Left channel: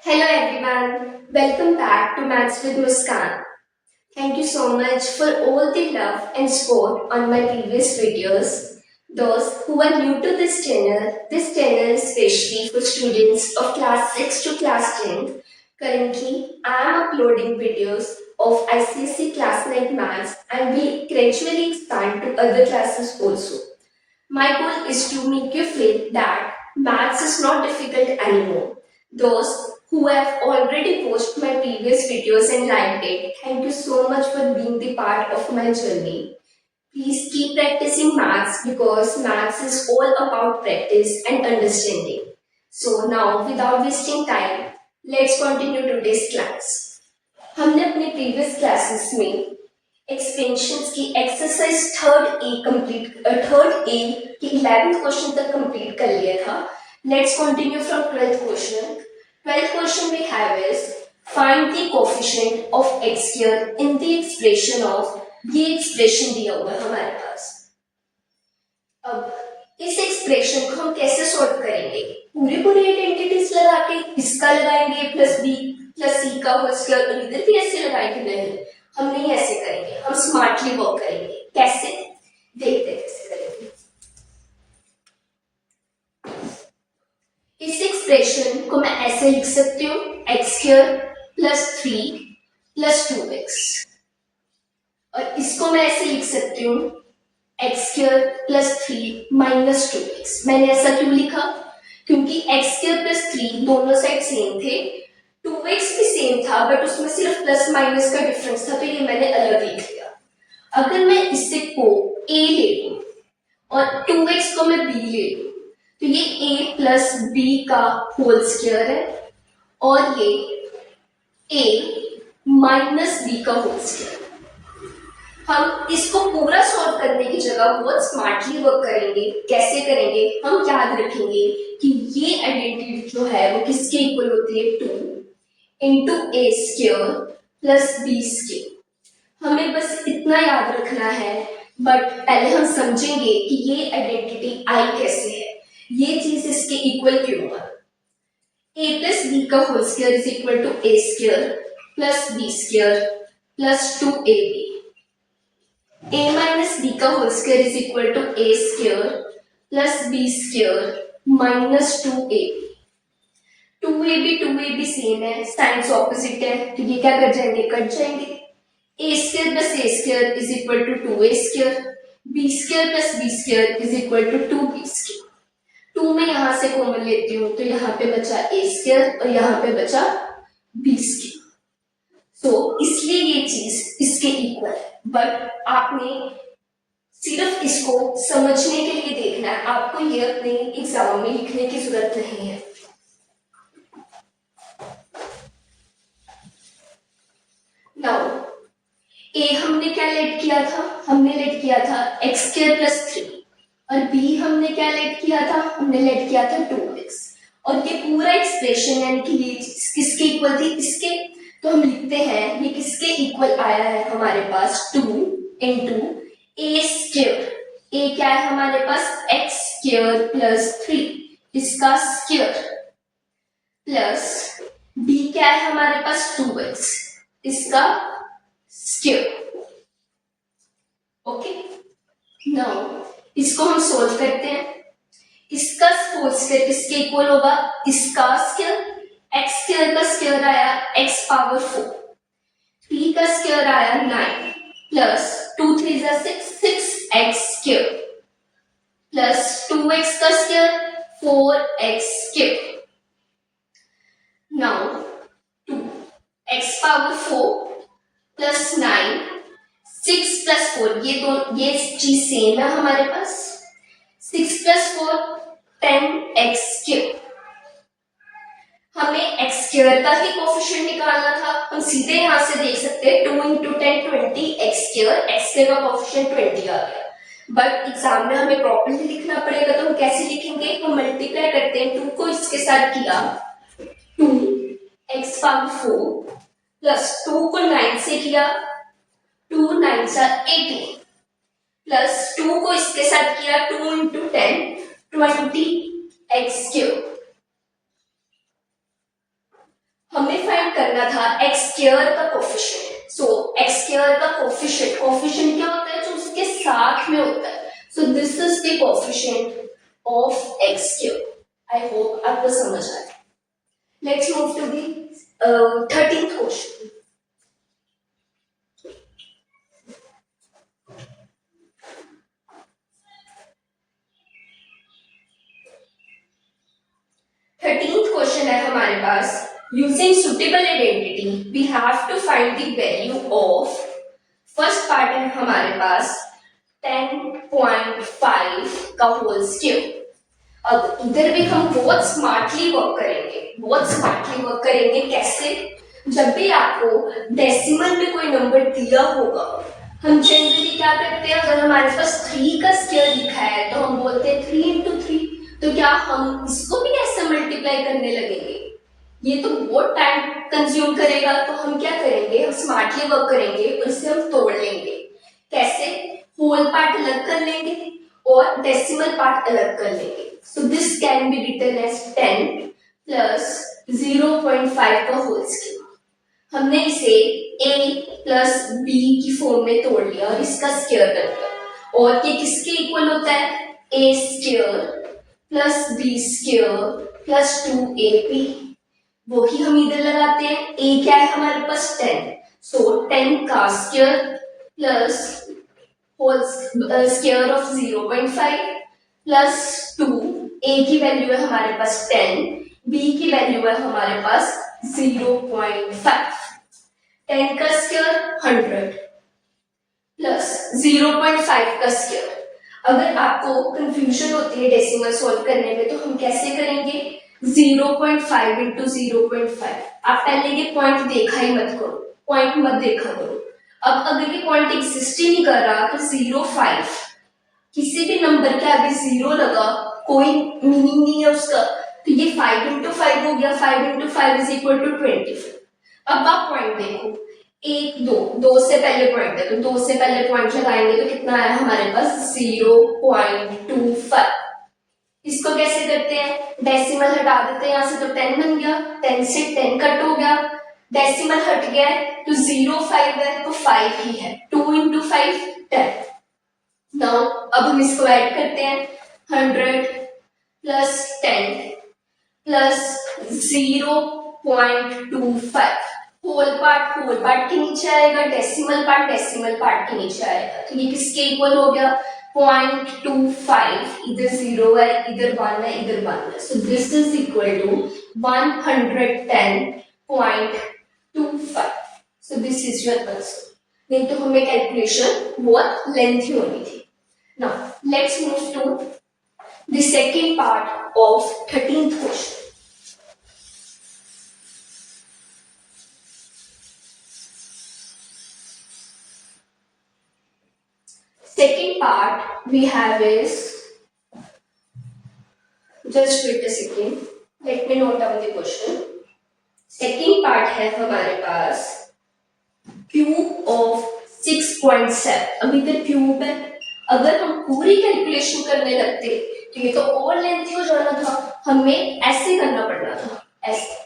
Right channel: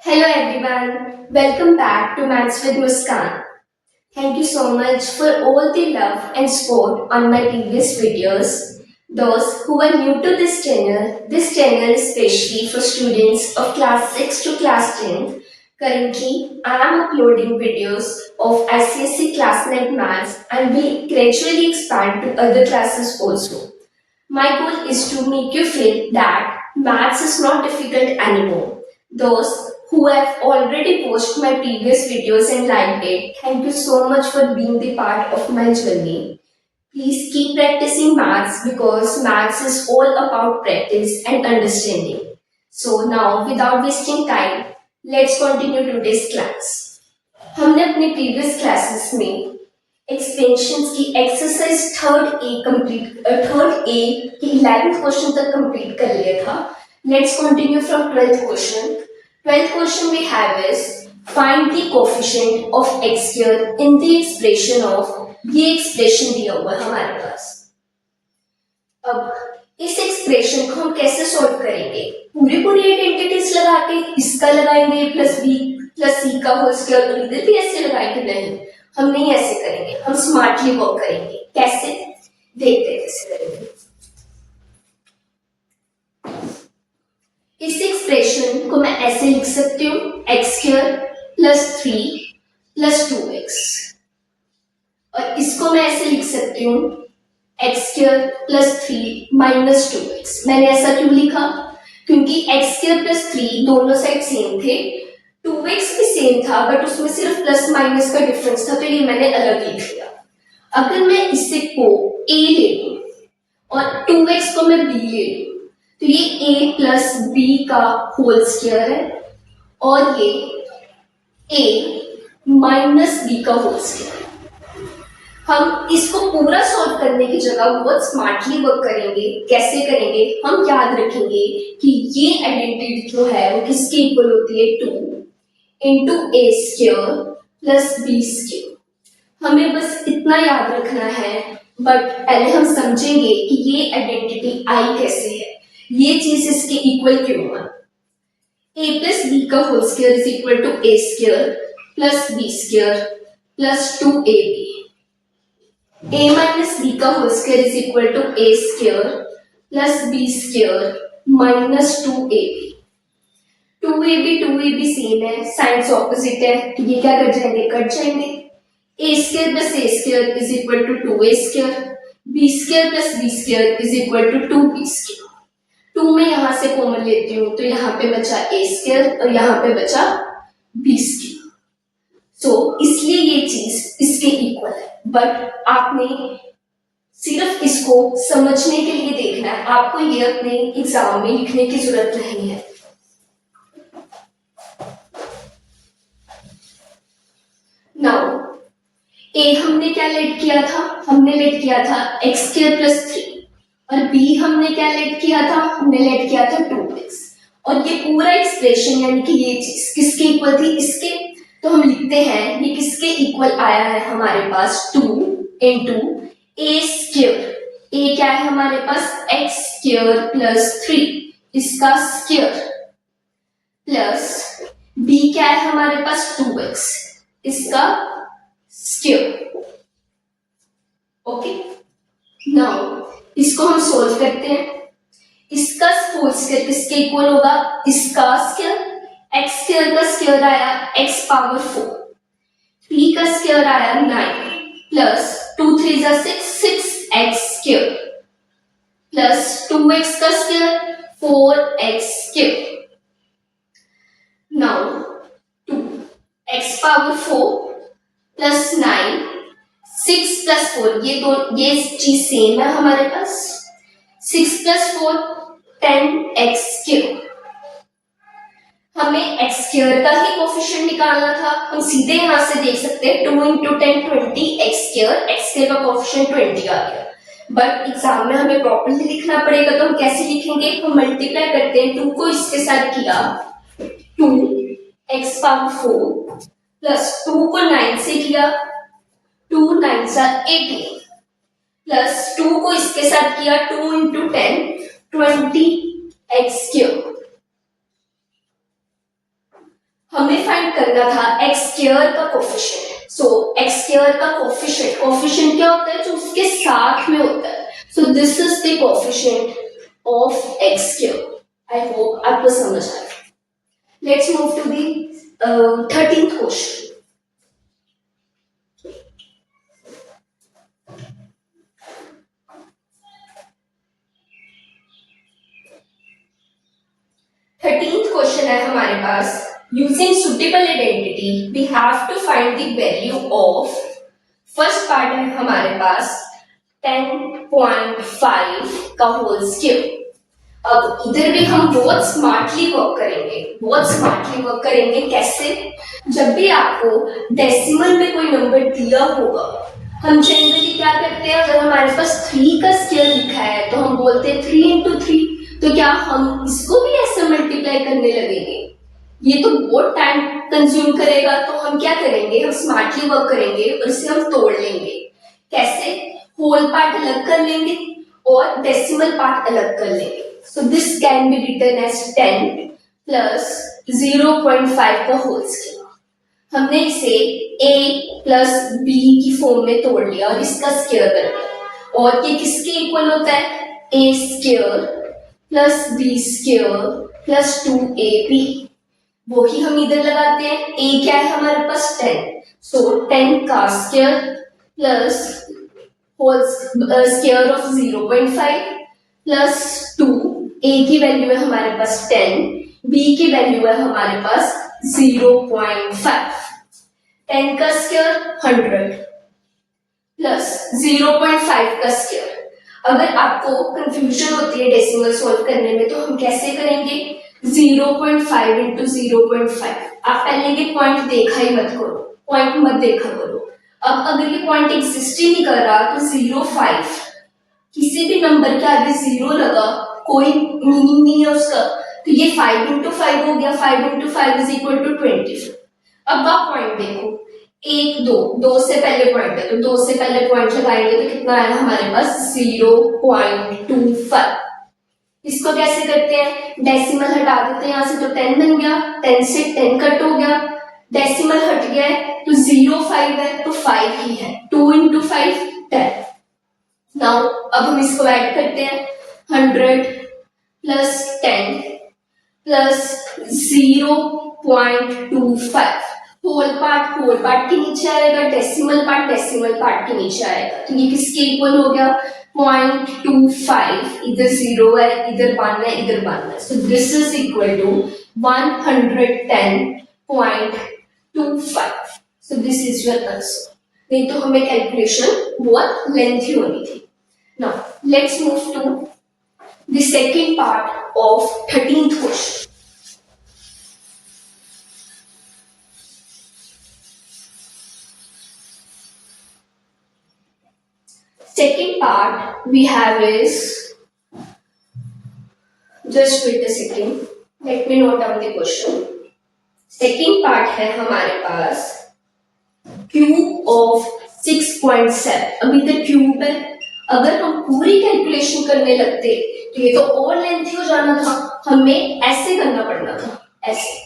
Hello everyone, welcome back to Maths with Muskan. Thank you so much for all the love and support on my previous videos. Those who are new to this channel is specially for students of class 6 to class 10. Currently, I am uploading videos of ICSE class 9 maths and will gradually expand to other classes also. My goal is to make you feel that maths is not difficult anymore. Those who have already watched my previous videos and liked it, thank you so much for being the part of my journey. Please keep practicing maths because maths is all about practice and understanding. So now without wasting time, let's continue today's class. हमने अपने previous classes में expansions की exercise third a की 11th question तक complete कर लिया था. Let's continue from 12th question. 12th question we have is find the coefficient of x square in the expression of. ये एक्सप्रेशन दिया हुआ है हमारे पास. अब इस एक्सप्रेशन को हम कैसे सॉल्व करेंगे? पूरी आइडेंटिटीज लगा के इसका लगाएंगे प्लस बी प्लस सी का होल स्क्वायर और इधर भी ऐसे लगाएंगे? नहीं, हम नहीं ऐसे करेंगे. हम स्मार्टली वर्क करेंगे. कैसे? देखते हैं कैसे करेंगे. इस एक्सप्रेशन को मैं ऐसे लिख सकती हूँ x square plus 3 plus 2x, और इसको मैं ऐसे लिख सकती हूँ x square plus 3 minus 2x. मैंने ऐसा क्यों लिखा? क्योंकि एक्स स्क्वायर प्लस 3 दोनों साइड सेम थे, 2x भी सेम था बट उसमें सिर्फ प्लस माइनस का डिफरेंस था, तो ये मैंने अलग लिख लिया. अगर मैं इसे को a ले लूं और 2x को मैं b ले लूं तो ये a प्लस b का होल स्क्वायर है और ये a माइनस b का होल स्क्वायर. हम इसको पूरा सॉल्व करने की जगह बहुत स्मार्टली वर्क करेंगे. कैसे करेंगे? हम याद रखेंगे कि ये आइडेंटिटी जो है वो किसके इक्वल होती है? 2 इंटू ए स्क्वायर प्लस बी स्क्वायर. हमें बस इतना याद रखना है, बट पहले हम समझेंगे कि ये आइडेंटिटी आई कैसे है, ये चीज इसके इक्वल क्यों है. ए प्लस बी का whole square is equal to A square plus B square plus 2ab. a minus B का whole square is equal to A square plus B square minus 2ab. 2ab same है, signs opposite है, तो ये क्या कर जाएंगे? Cut जाएंगे. A square plus A square is equal to 2a square, B square plus B square is equal to 2b square. 2 में यहां से कॉमन लेती हूँ तो यहाँ पे बचा a स्क्वायर और यहाँ पे बचा b स्क्वायर. सो इसलिए ये चीज इसके इक्वल है, बट आपने सिर्फ इसको समझने के लिए देखना है. आपको ये अपने एग्जाम में लिखने की जरूरत नहीं है. नाउ ए हमने क्या लेट किया था? हमने लेट किया था एक्स स्क्वायर प्लस 3, और बी हमने क्या लेट किया था? हमने लेट किया था 2x. और ये पूरा एक्सप्रेशन यानी कि ये चीज किसके इक्वल थी? इसके. तो हम लिखते हैं ये किसके इक्वल आया है हमारे पास? 2 इंटू ए स्क्वायर. ए क्या है हमारे पास? एक्स स्क्वायर प्लस 3, इसका स्क्वायर, प्लस बी क्या है हमारे पास? 2x, इसका स्क्वायर. ओके, नाउ इसको हम सोल्व करते हैं. इसका होल स्क्वायर किसके इक्वल होगा? इसका स्क्वायर. एक्स स्क्वायर का स्क्वायर आया एक्स पावर 4, बी का स्क्वायर आया 9 plus 2 3 6 x square plus 2x का square 4x square. Now 2 x power 4 plus 9 6 plus 4, ये चीज सेम है हमारे पास. 6 प्लस 4 10x स्क्वायर. हमें x स्क्वायर का ही कोफिशिएंट निकालना था. हम सीधे यहां से देख सकते हैं 2 इंटू 10 20 x स्क्वायर का कोफिशिएंट 20 आ गया. बट एग्जाम में हमें प्रॉपर्ली लिखना पड़ेगा, तो हम कैसे लिखेंगे? हम मल्टीप्लाई करते हैं. 2 को इसके साथ किया 2 x पावर 4 प्लस 2 को 9 से किया 2 9 18 प्लस 2 को इसके साथ किया 2 इंटू 10 20 x क्यूब. हमें फाइंड करना था एक्स स्क्वायर का कोफिशिएंट। सो एक्स स्क्वायर का कोफिशिएंट क्या होता है, जो उसके साथ में होता है। So this is the coefficient of X square. I hope आपको समझ आया। Let's move to the 13th question. Question है हमारे पास, using suitable identity we have to find the value of, first part है हमारे पास 10.5 का होल स्क्वायर। अब इधर भी हम बहुत स्मार्टली वर्क करेंगे। कैसे? जब भी आपको डेसिमल में कोई नंबर दिया होगा, हम जनरली क्या करते हैं, अगर हमारे पास 3 का स्क्वायर लिखा है तो हम बोलते हैं 3 into 3। तो क्या हम इसको भी ऐसे मल्टीप्लाई करने लगेंगे? ये तो बहुत टाइम कंज्यूम करेगा। तो हम क्या करेंगे, हम स्मार्टली वर्क करेंगे और इसे हम तोड़ लेंगे। कैसे? होल पार्ट अलग कर लेंगे और डेसिमल पार्ट अलग कर लेंगे। So this can be written as 10 plus 0.5 का होल स्क्वायर। हमने इसे a प्लस b की फॉर्म में तोड़ लिया और इसका स्क्वायर कर लिया। और ये किसके इक्वल होता है? a square plus b square plus 2ab। वो ही हम इधर लगाते हैं। a क्या है हमारे पास? 10। सो 10 का square plus whole square of 0.5 plus 2। a की वैल्यू है हमारे पास 10, b की वैल्यू है हमारे पास 0.5। 10 का स्क्वायर 100 प्लस 0.5 का स्क्वायर। अगर आपको कंफ्यूजन होती है डेसिमल सॉल्व करने में, तो हम कैसे करेंगे? 0.5 into 0.5। आप पहले ये पॉइंट देखा ही मत करो, पॉइंट मत देखा करो। अब अगर ये पॉइंट एग्जिस्ट ही नहीं कर रहा तो 0.5 किसी भी नंबर के आगे 0 लगा, कोई मीनिंग नहीं है उसका। तो ये 5 into 5 हो गया। 5 into 5 is equal to 25। अब आप पॉइंट देखो, 1 2 2 से पहले पॉइंट है, तो 2 से पहले पॉइंट लगाएंगे तो कितना आया हमारे पास? 0.25। इसको कैसे करते हैं? डेसिमल हटा देते हैं यहाँ से, तो 10 बन गया। 10 से 10 कट हो गया, डेसिमल हट गया है, तो 0.5 है तो 5 ही है। 2 into 5 10। नाउ अब हम इसको ऐड करते हैं। 100 प्लस 10 प्लस 0.25। होल पार्ट के नीचे आएगा, डेसिमल पार्ट के नीचे आएगा। तो ये किसके इक्वल हो गया? 0.25। इधर 0 है, इधर 1 है, इधर 1 है। So this is equal to 110.25। So this is your answer. नहीं तो हमें कैलकुलेशन बहुत लेंथी होनी थी। Now let's move to the second part of 13th question. Second part we have is, just wait a second, let me note down the question. Second part है हमारे पास cube of 6.7। अभी तक cube है, अगर हम पूरी कैलकुलेशन करने लगते तो ये तो और लेंथी हो जाना था। हमें ऐसे करना पड़ना था, ऐसे,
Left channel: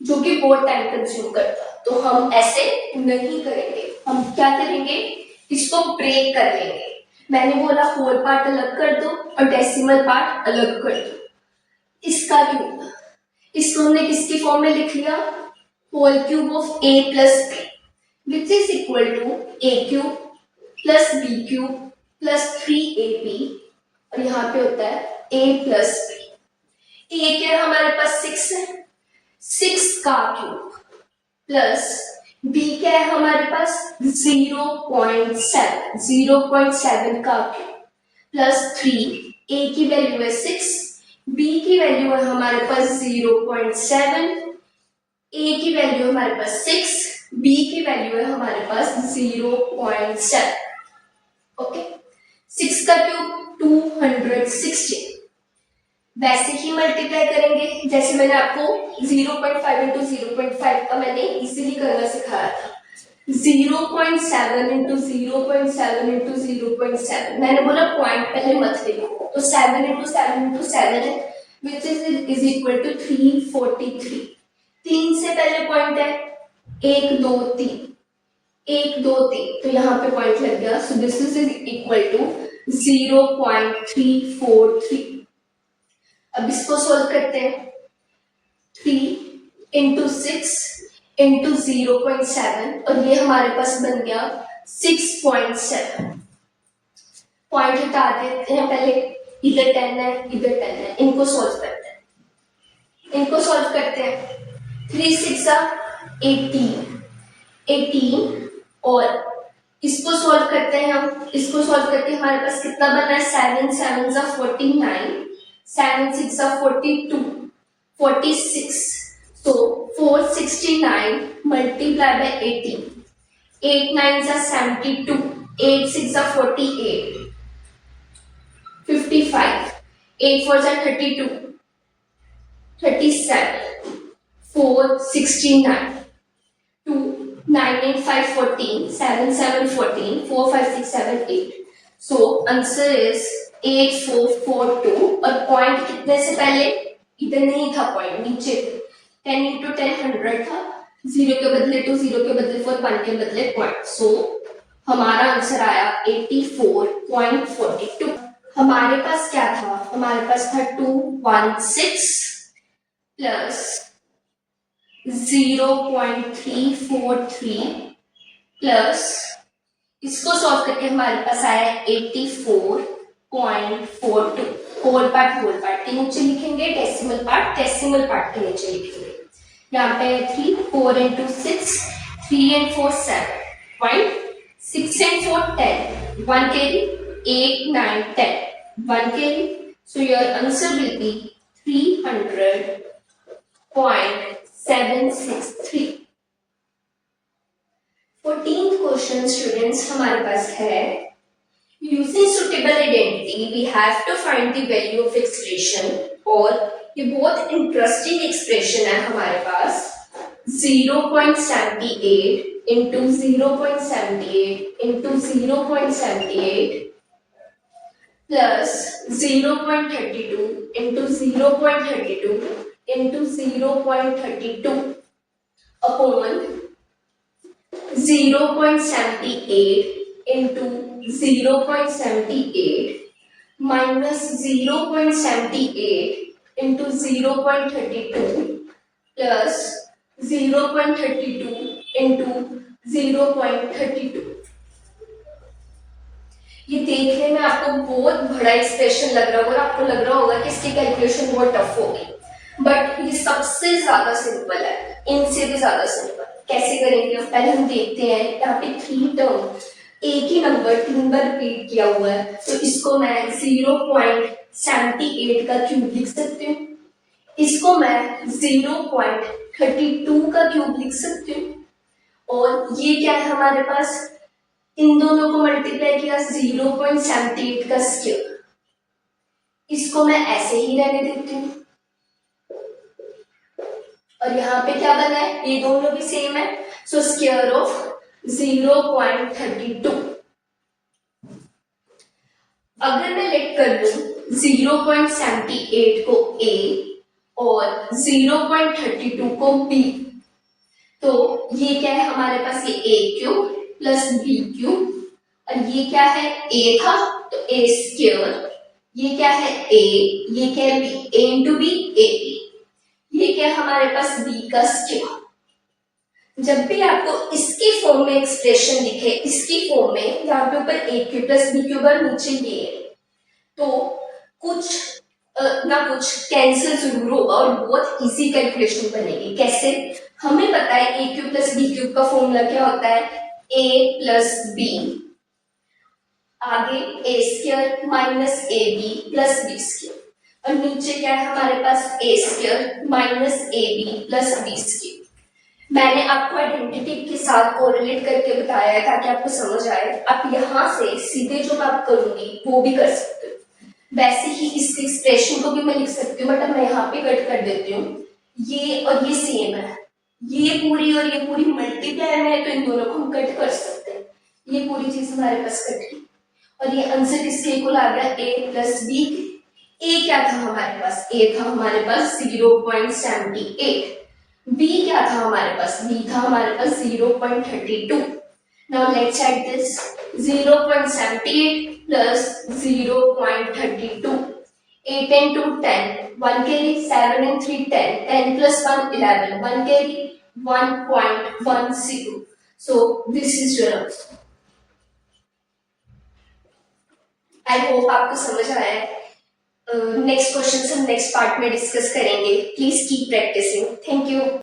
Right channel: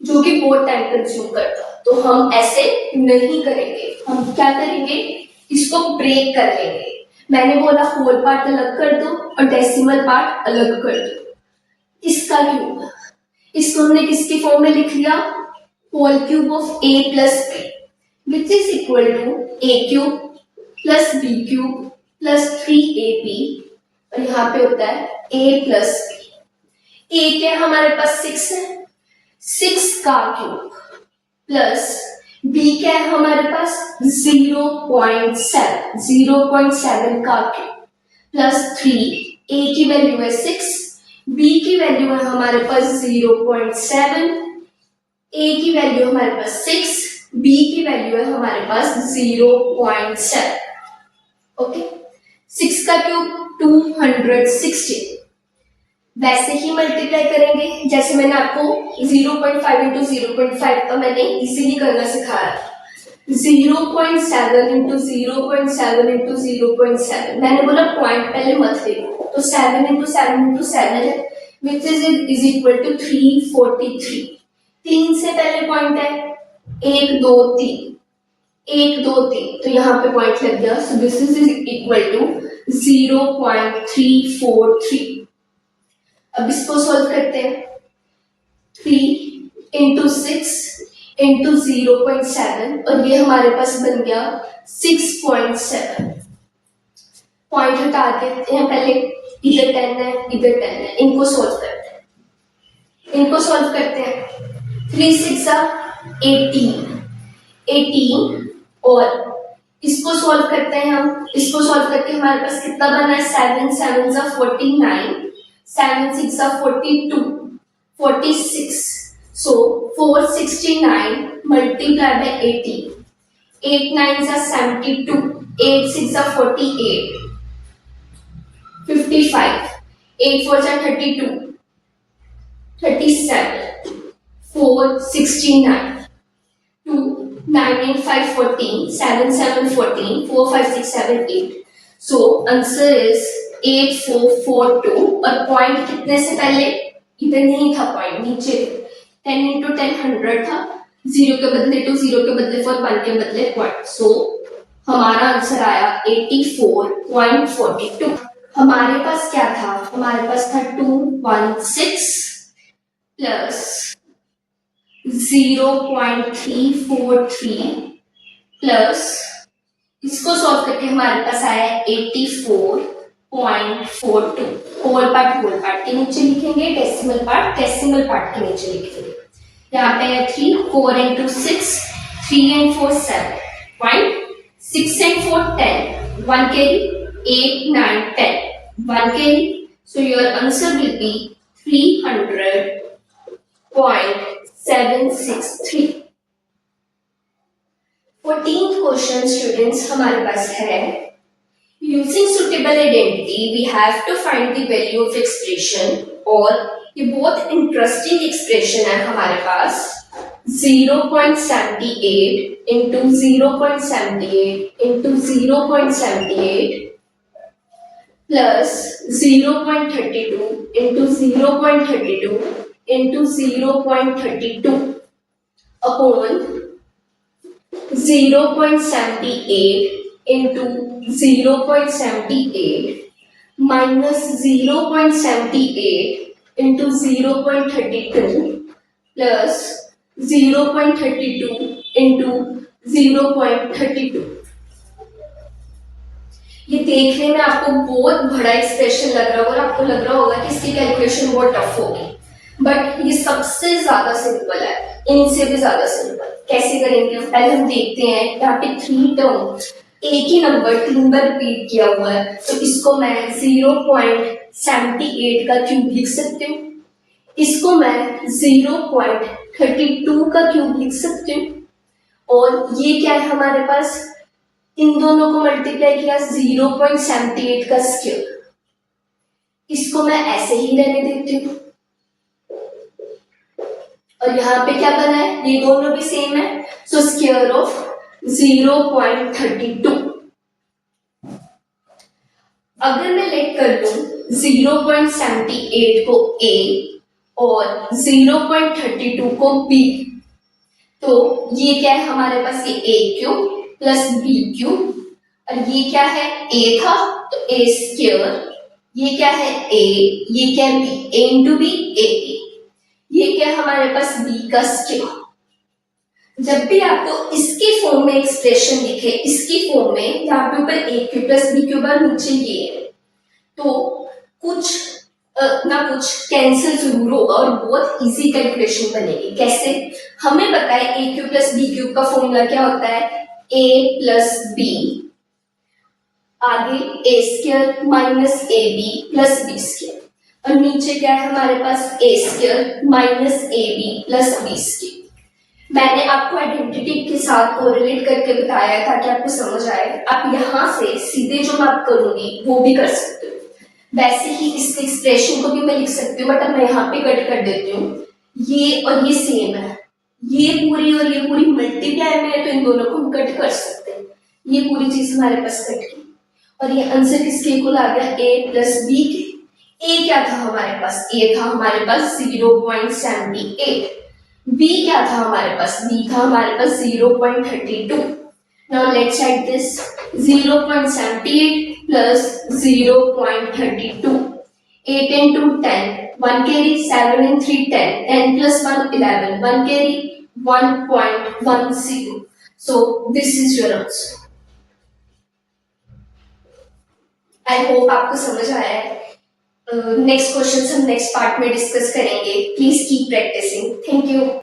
जो कि बहुत टाइम कंज्यूम करता। तो हम ऐसे नहीं करेंगे। हम क्या करेंगे? इसको ब्रेक कर लेंगे। मैंने बोला होल पार्ट अलग कर दो और डेसिमल पार्ट अलग कर दो। इसका क्यूब, इसको हमने किसकी फॉर्म में लिख लिया? Whole cube of a plus b which is equal to a cube plus b cube plus 3ab। और यहाँ पे होता है a प्लस b। a क्या हमारे पास? 6 है, 6 का क्यूब प्लस b क्या है हमारे पास? 0.7 का क्यूब प्लस 3। a की वैल्यू है 6, b की वैल्यू है हमारे पास 0.7, a की वैल्यू हमारे पास 6, b की वैल्यू है हमारे पास 0.7। ओके, 6 का क्यूब 216। वैसे ही मल्टीप्लाई करेंगे जैसे मैंने आपको 0.5 into 0.5 का मैंने इजीली करना सिखाया था। 0.7 into 0.7 into 0.7। मैंने बोला पॉइंट पहले मत देखो, तो 7 into 7 into 7 है, which is equal to 343। 3 से पहले पॉइंट है 1 2 3, 1 2 3, तो यहाँ पे पॉइंट लग गया। So this is equal to 0.343। अब इसको सॉल्व करते हैं। 3 इंटू 6 इंटू 0.7 और ये हमारे पास बन गया 6.7। पॉइंट हटा देते हैं पहले, इधर 10 है इधर 10 है, इनको सॉल्व करते हैं। 3 6 18 और इसको सॉल्व करते हैं हम। इसको सॉल्व करके हमारे पास कितना बना है? 7 7 49, 7 6 42, 46। सो 469 multiply by 18, 8 9 72, 8 6 48, 55, 8 4 32, 37, 4 69, 2 9 8 5 14, 7 7 14, 4 5 6 7 8। So answer is 8442 और पॉइंट कितने से पहले? इधर नहीं था पॉइंट, नीचे 10 into 10 100 था, 0 के बदले 2, 0 के बदले 4, 1 के बदले पॉइंट। सो हमारा आंसर आया 84.42। हमारे पास क्या था? हमारे पास था 216 प्लस 0.343 प्लस इसको सॉल्व करके हमारे पास आया 84.42। होल पार्ट के नीचे लिखेंगे, डेसिमल पार्ट के नीचे लिखेंगे। यहाँ पे 3 4 into 6, 3 and 4 7, point 6 and 4 10, 1 carry, 8 9 10, 1 carry. So your answer will be 300.763। 14th question students हमारे पास है, using suitable identity we have to find the value of expression. और ये बहुत इंटरेस्टिंग एक्सप्रेशन है हमारे पास, 0.78 into 0.78 into 0.78 plus 0.32 into 0.32 into 0.32 upon 0.78 into 0.78 minus 0.78 into 0.32 plus 0.32 into 0.32। ये देखने में आपको बहुत बड़ा एक्सप्रेशन लग रहा होगा, आपको लग रहा होगा कि इसकी कैलकुलेशन बहुत टफ होगी, बट ये सबसे ज्यादा सिंपल है, इनसे भी ज्यादा सिंपल। कैसे करेंगे? पहले हम देखते हैं, यहाँ पे 3 टर्म, एक ही नंबर 3 बार रिपीट किया हुआ है, तो इसको मैं 0.78 का क्यूब लिख सकती हूँ, इसको मैं 0.32 का क्यूब लिख सकती हूँ, और ये क्या है हमारे पास, इन दोनों को मल्टीप्लाई किया 0.78 का स्क्वायर, इसको मैं ऐसे ही रहने देती हूँ। और यहाँ पे क्या बना है? ये दोनों भी सेम है, सो स्क्वायर ऑफ 0.32। अगर मैं लेट कर लूं 0.78 को A और 0.32 को B, तो ये क्या है हमारे पास? ये A cube plus B cube, और ये क्या है? A था तो A स्क्वायर, ये क्या है? A, ये क्या है? B, A into B, AB, ये क्या है हमारे पास? B का स्क्वायर। जब भी आपको इसकी फॉर्म में एक्सप्रेशन दिखे, इसकी फॉर्म में, यहाँ पे ऊपर A cube plus B cube और नीचे ये है, तो कुछ ना कुछ कैंसिल जरूर होगा और बहुत इजी कैलकुलेशन बनेगी। कैसे? हमें पता है A cube plus B cube का फॉर्मूला क्या होता है? A प्लस B, आगे A square minus AB plus B square, और नीचे क्या है हमारे पास? A square minus AB plus B square. मैंने आपको आइडेंटिटी के साथ कोरिलेट करके बताया ताकि आपको समझ आए। आप यहाँ से सीधे जो मैं आप करूंगी वो भी कर सकते हो, वैसे ही इस एक्सप्रेशन को भी मैं लिख सकती हूँ, बट अब मैं यहाँ पे कट कर देती हूँ। ये और ये सेम है, ये पूरी और ये पूरी मल्टीप्लाई में है, तो इन दोनों को हम कट कर सकते हैं। ये पूरी चीज हमारे पास कट की, और ये आंसर किसके इक्वल आ गया? A प्लस B के। A क्या था हमारे पास? A था हमारे पास 0.78, b क्या था हमारे पास, b था हमारे पास 0.32. now let's add this 0.78 plus 0.32. 8 and 2 10, 1 carry, 7 and 3 10, 10 plus 1 11, 1 carry, 1.10. so this is your answer. I hope आपको समझ आया है. नेक्स्ट क्वेश्चन हम नेक्स्ट पार्ट में डिस्कस करेंगे. Please keep practising. Thank you.